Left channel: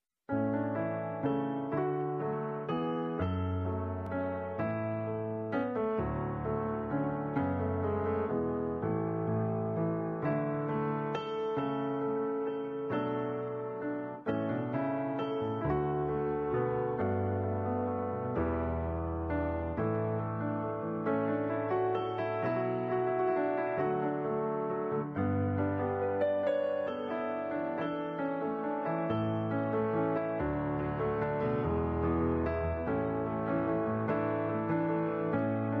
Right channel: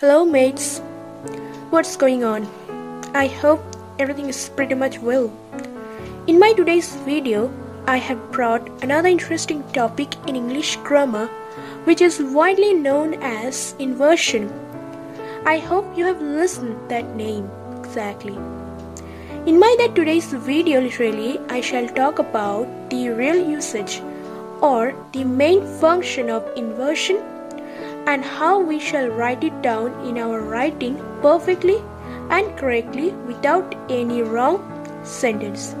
Hello mates, what's going on? I hope everything is pretty much well. In my today's video, I have brought another interesting topic in English grammar which is widely known as inversion. I hope you have listened to that name exactly. In my today's video literally, I shall talk about the real usage or the main function of inversion and how we shall write it down in our writing perfectly and correctly without any wrong sentence.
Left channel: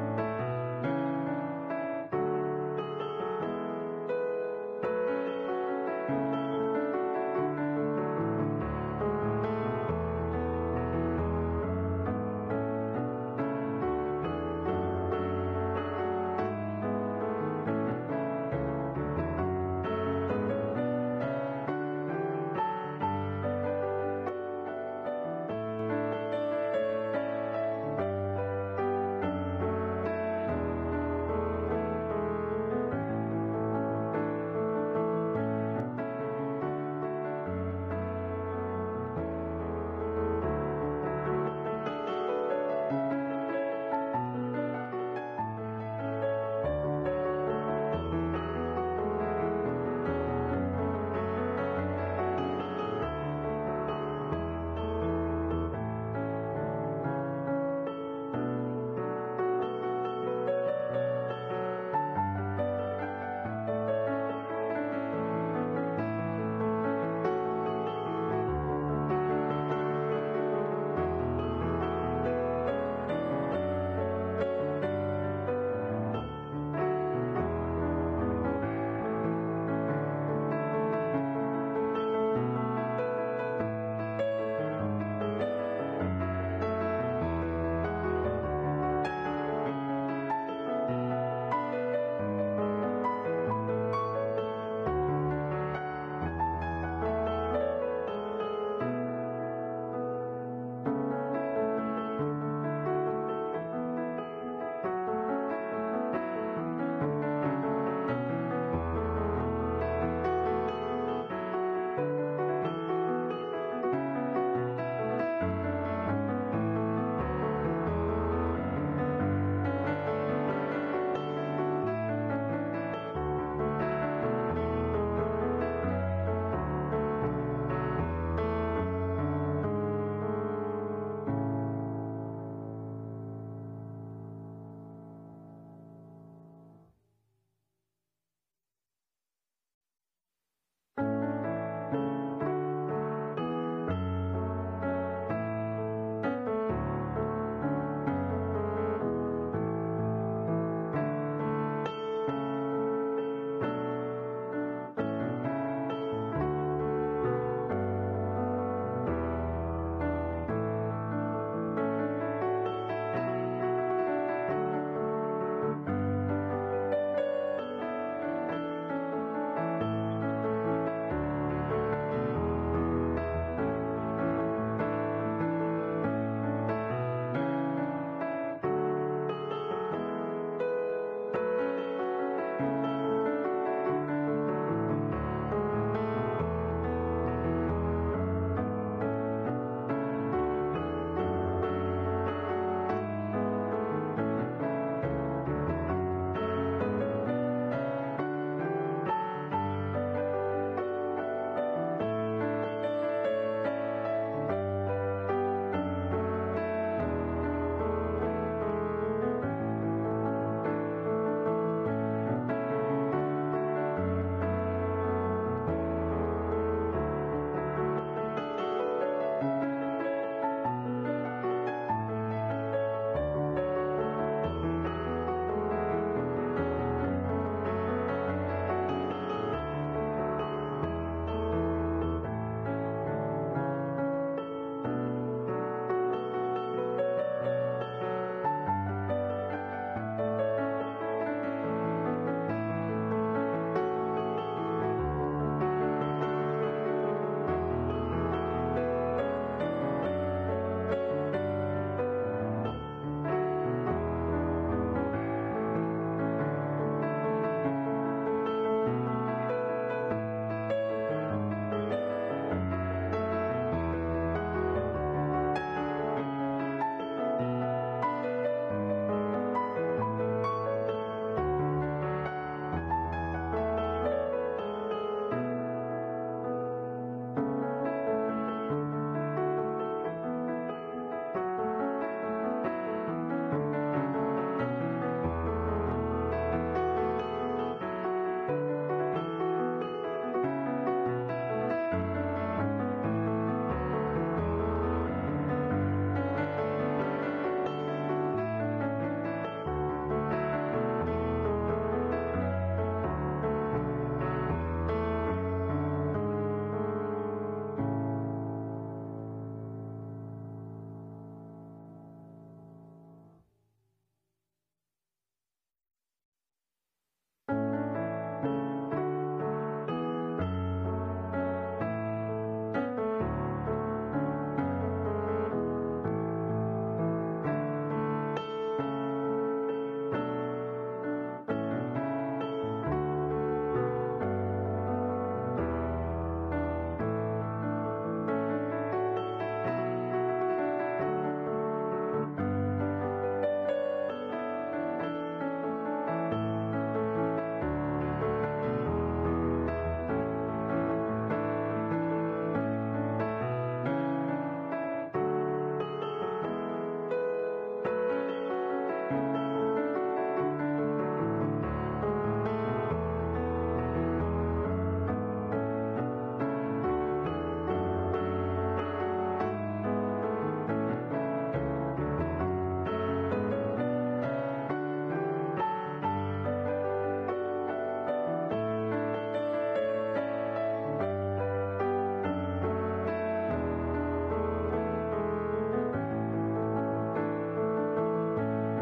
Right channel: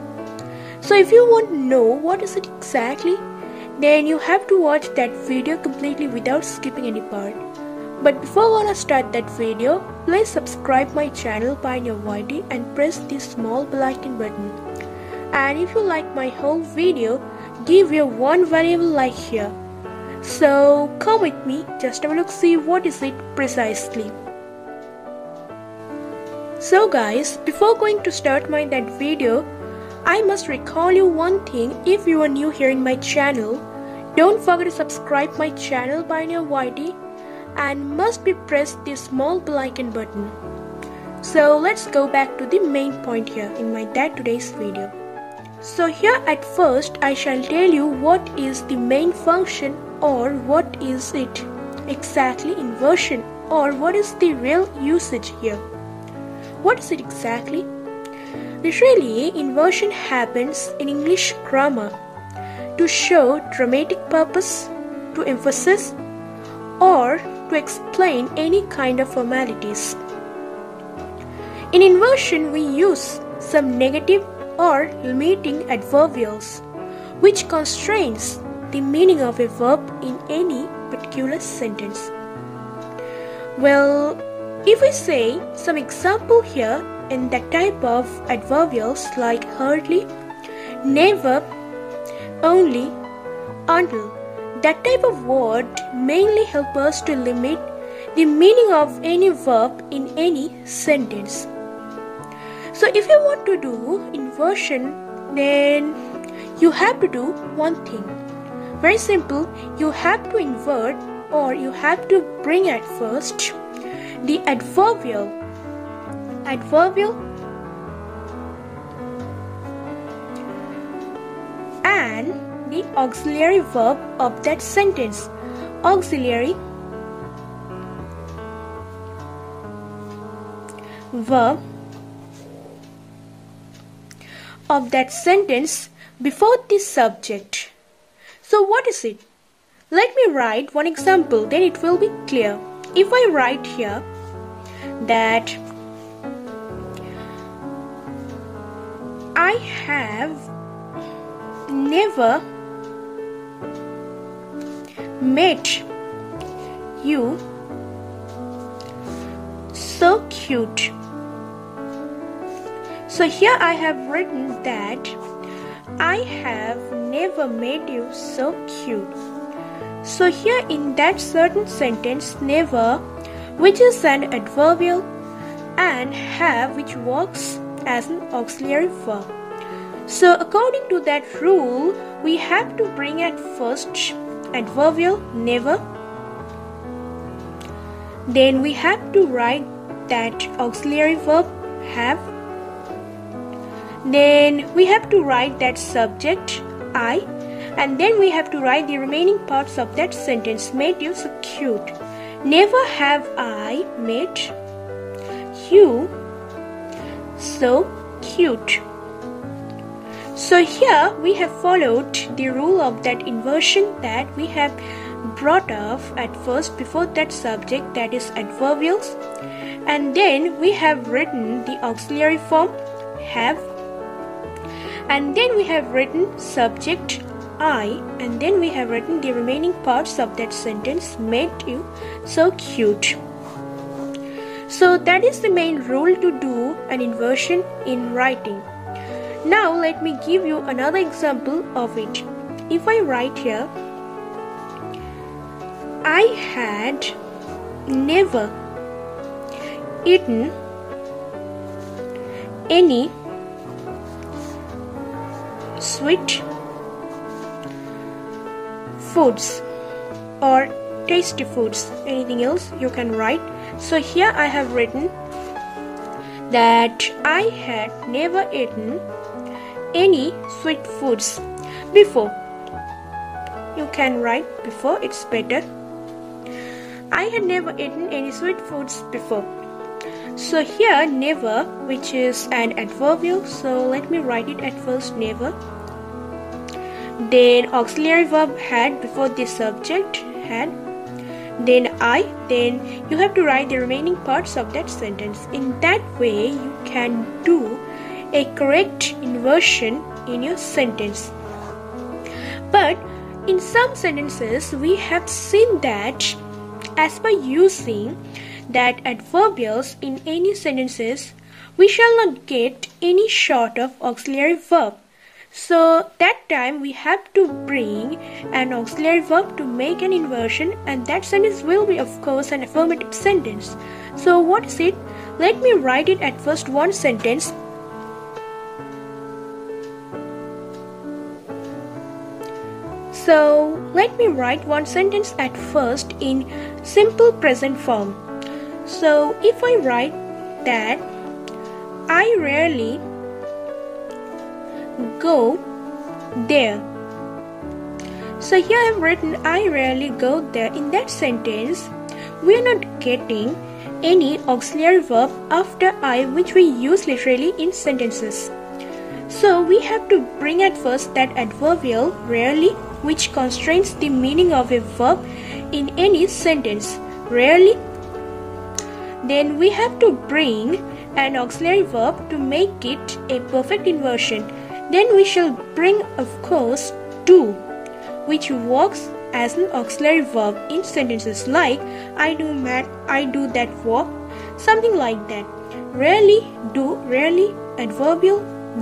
So if you want to know what is it exactly, then you have to watch that video completely without skipping any part. But before I wanna start that video, please subscribe my channel PioneerYT and press this small bell icon button. And if you like my whole video, give your one valuable like here. So come with me, just have a look, see what is it precisely. So guys, before going to start that video, I must recall you one thing. If you are new here in my channel, don't forget to subscribe my channel PioneerYT and must be press this small bell icon button. So let's go back to the main point here in my today's video. So here at first I shall tell you what is the main function or what is it exactly inversion or what is the real usage here. What is it exactly? Literally, inversion happens in English grammar to show dramatic purpose, to emphasize or to explain any kind of formalities. In inversion we use some negative or limiting adverbials which constrains the meaning of a verb in any particular sentence. Well, if we say some example here in that type of adverbials like hardly, never, only, until, that type of word mainly help us to limit the meaning of any verb in any sentence. So if you want to do inversion, then you have to do one thing. Very simple, you have to invert or you have to bring at first the adverbial and the auxiliary verb of that sentence. Auxiliary verb of that sentence before the subject. So what is it? Let me write one example, then it will be clear. If I write here that I have never met you so cute. So here I have written that I have never made you so cute. So here in that certain sentence, never, which is an adverbial, and have, which works as an auxiliary verb. So according to that rule, we have to bring at first adverbial never, then we have to write that auxiliary verb have, then we have to write that subject I, and then we have to write the remaining parts of that sentence. Made you so cute. Never have I made you so cute. So here we have followed the rule of that inversion that we have brought off at first before that subject, that is adverbials, and then we have written the auxiliary form have, and then we have written subject I, and then we have written the remaining parts of that sentence, made you so cute. So that is the main rule to do an inversion in writing. Now let me give you another example of it. If I write here, I had never eaten any sweet foods or tasty foods. Anything else you can write. So here I have written that I had never eaten any sweet foods before. You can write before, it's better. I had never eaten any sweet foods before. So here never, which is an adverbial, so let me write it at first, never. Then auxiliary verb had before the subject, had. Then I, then you have to write the remaining parts of that sentence. In that way you can do a correct inversion in your sentence. But in some sentences we have seen that as by using that adverbials in any sentences, we shall not get any short of auxiliary verb. So that time we have to bring an auxiliary verb to make an inversion, and that sentence will be of course an affirmative sentence. So what is it? Let me write it at first one sentence. So let me write one sentence at first in simple present form. So if I write that I rarely go there. So here I have written I rarely go there. In that sentence we are not getting any auxiliary verb after I, which we use literally in sentences. So we have to bring at first that adverbial rarely, which constrains the meaning of a verb in any sentence, rarely. Then we have to bring an auxiliary verb to make it a perfect inversion. Then we shall bring, of course, do, which works as an auxiliary verb in sentences like I do that, I do that work, something like that. Rarely, do, rarely, adverbial,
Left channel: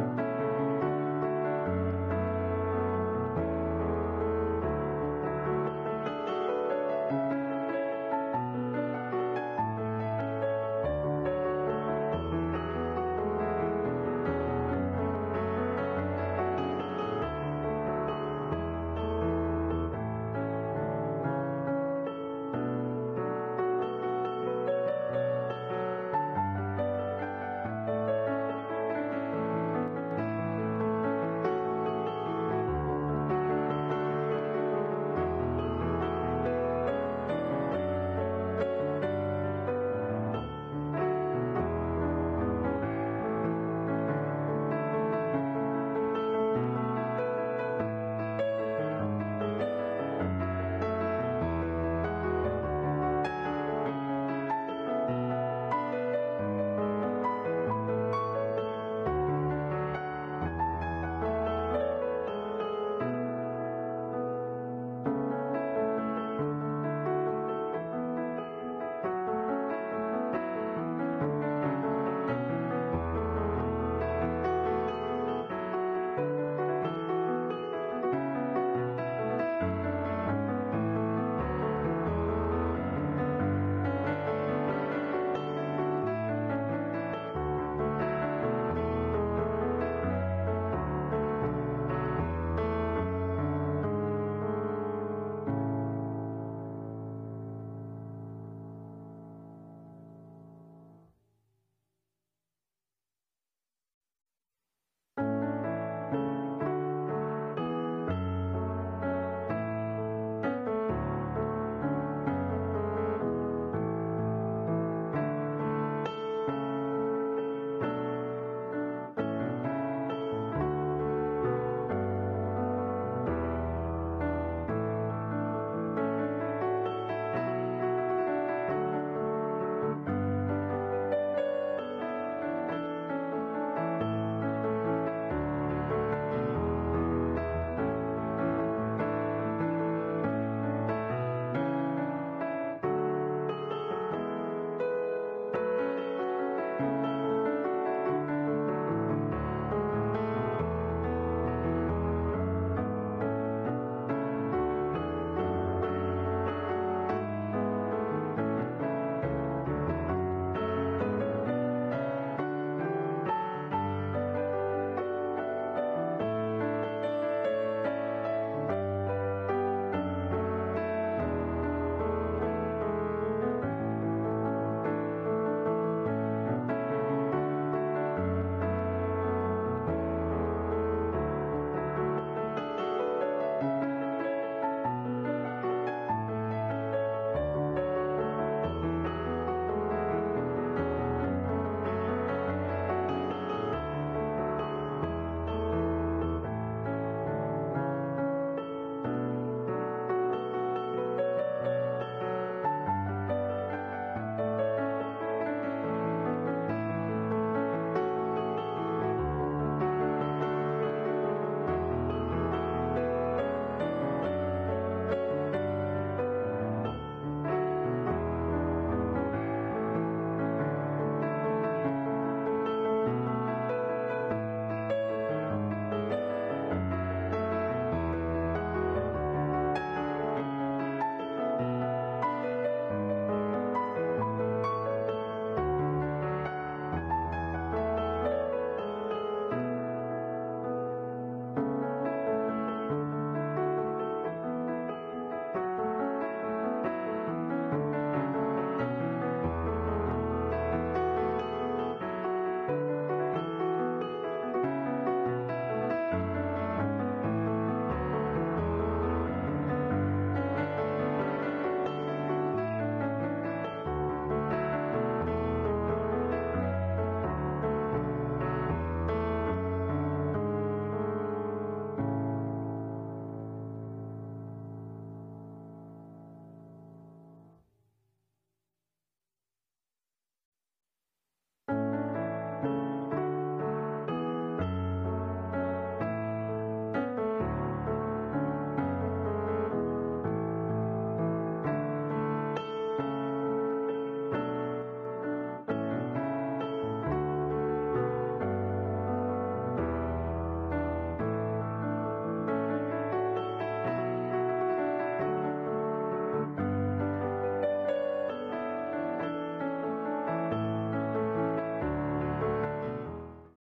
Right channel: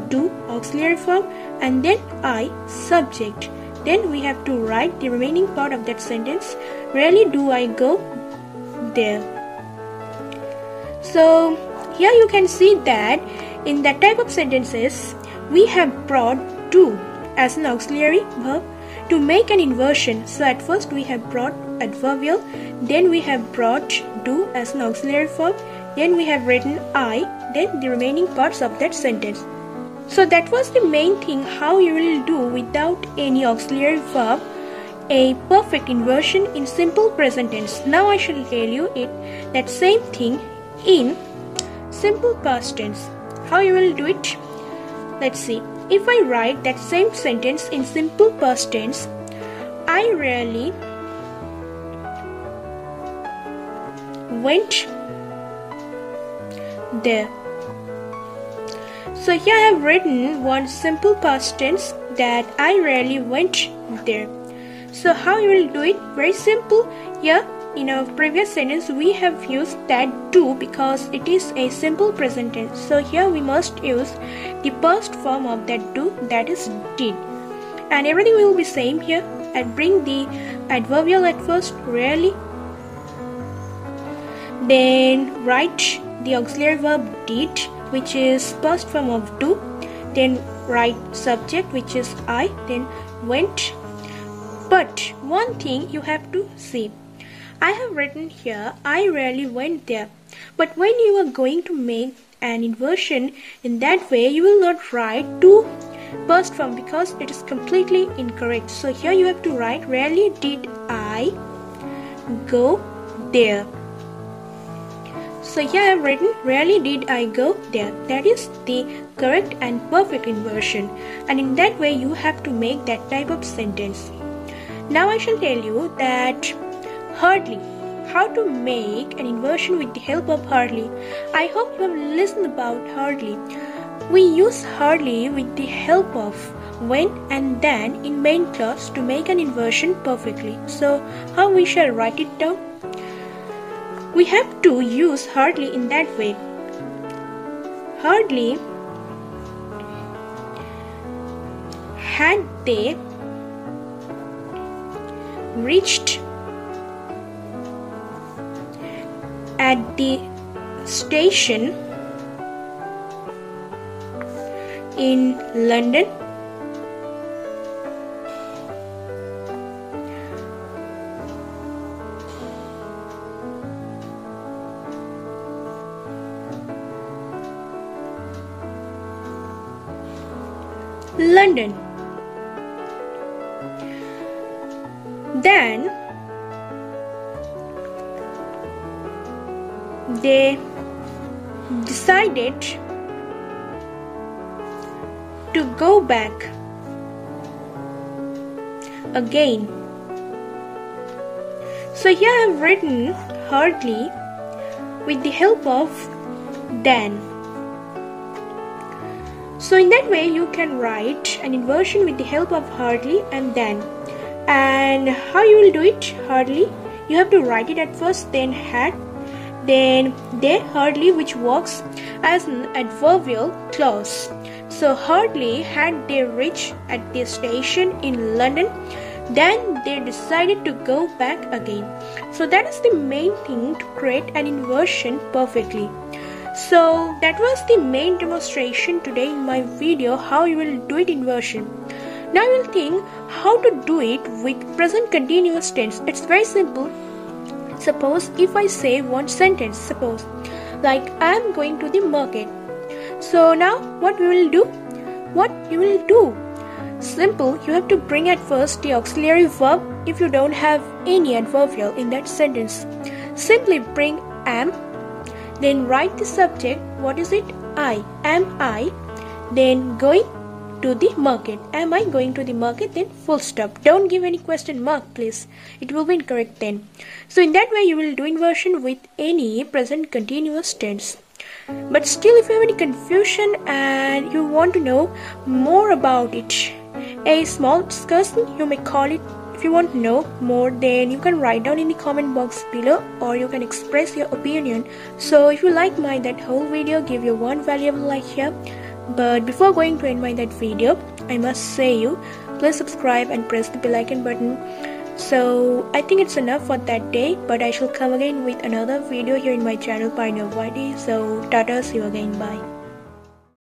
do, auxiliary verb, and then I, subject. Then we have to write the remaining part of that sentence. Rarely do I go there. So here you can see that in that type of sentences we have brought do as an auxiliary verb to make an inversion. So at first we have brought adverbial, then we have brought do as an auxiliary verb, then we have written I, then the remaining parts of that sentence. So that was the main thing, how you will do without any auxiliary verb a perfect inversion in simple present tense. Now I shall tell you that same thing in simple past tense. How you will do it? Let's see. If I write that same sentence in simple past tense, I rarely went there. So here I have written one simple past tense that I rarely went there. So how you will do it? Very simple. Here in our previous sentence we have used that do because it is a simple present tense. So here we must use the past form of that do, that is did. And everything will be same here. And bring the adverbial at first, rarely. Then write the auxiliary verb did, which is past form of do. Then write subject, which is I, then went. But one thing you have to see. I have written here, I rarely went there. But when you are going to make an inversion in that way, you will not write to past form because it is completely incorrect. So here you have to write, rarely did I go there. So here I have written, rarely did I go there. That is the correct and perfect inversion. And in that way you have to make that type of sentence. Now I shall tell you that hardly, how to make an inversion with the help of hardly. I hope you have listened about hardly. We use hardly with the help of when and then in main clause to make an inversion perfectly. So how we shall write it down? We have to use hardly in that way. Hardly had they reached at the station in London, London. Then they decided to go back again. So here I have written hardly with the help of then. So in that way you can write an inversion with the help of hardly and then. And how you will do it? Hardly, you have to write it at first, then had, then they, hardly, which works as an adverbial clause. So hardly had they reached at the station in London, then they decided to go back again. So that is the main thing to create an inversion perfectly. So that was the main demonstration today in my video, how you will do it inversion. Now you will think how to do it with present continuous tense. It's very simple. Suppose if I say one sentence, suppose like I am going to the market. So now what we will do? What you will do? Simple, you have to bring at first the auxiliary verb if you don't have any adverbial in that sentence. Simply bring am, then write the subject. What is it? I. Am I? Then going to the market. Am I going to the market? Then full stop. Don't give any question mark, please. It will be incorrect then. So in that way you will do inversion with any present continuous tense. But still, if you have any confusion and you want to know more about it, a small discussion you may call it. If you want to know more, then you can write down in the comment box below, or you can express your opinion. So if you like that whole video, give you one valuable like here. But before going to end that video, I must say you, please subscribe and press the bell icon button. So I think it's enough for that day, but I shall come again with another video here in my channel PioneerYT. So tata, see you again, bye.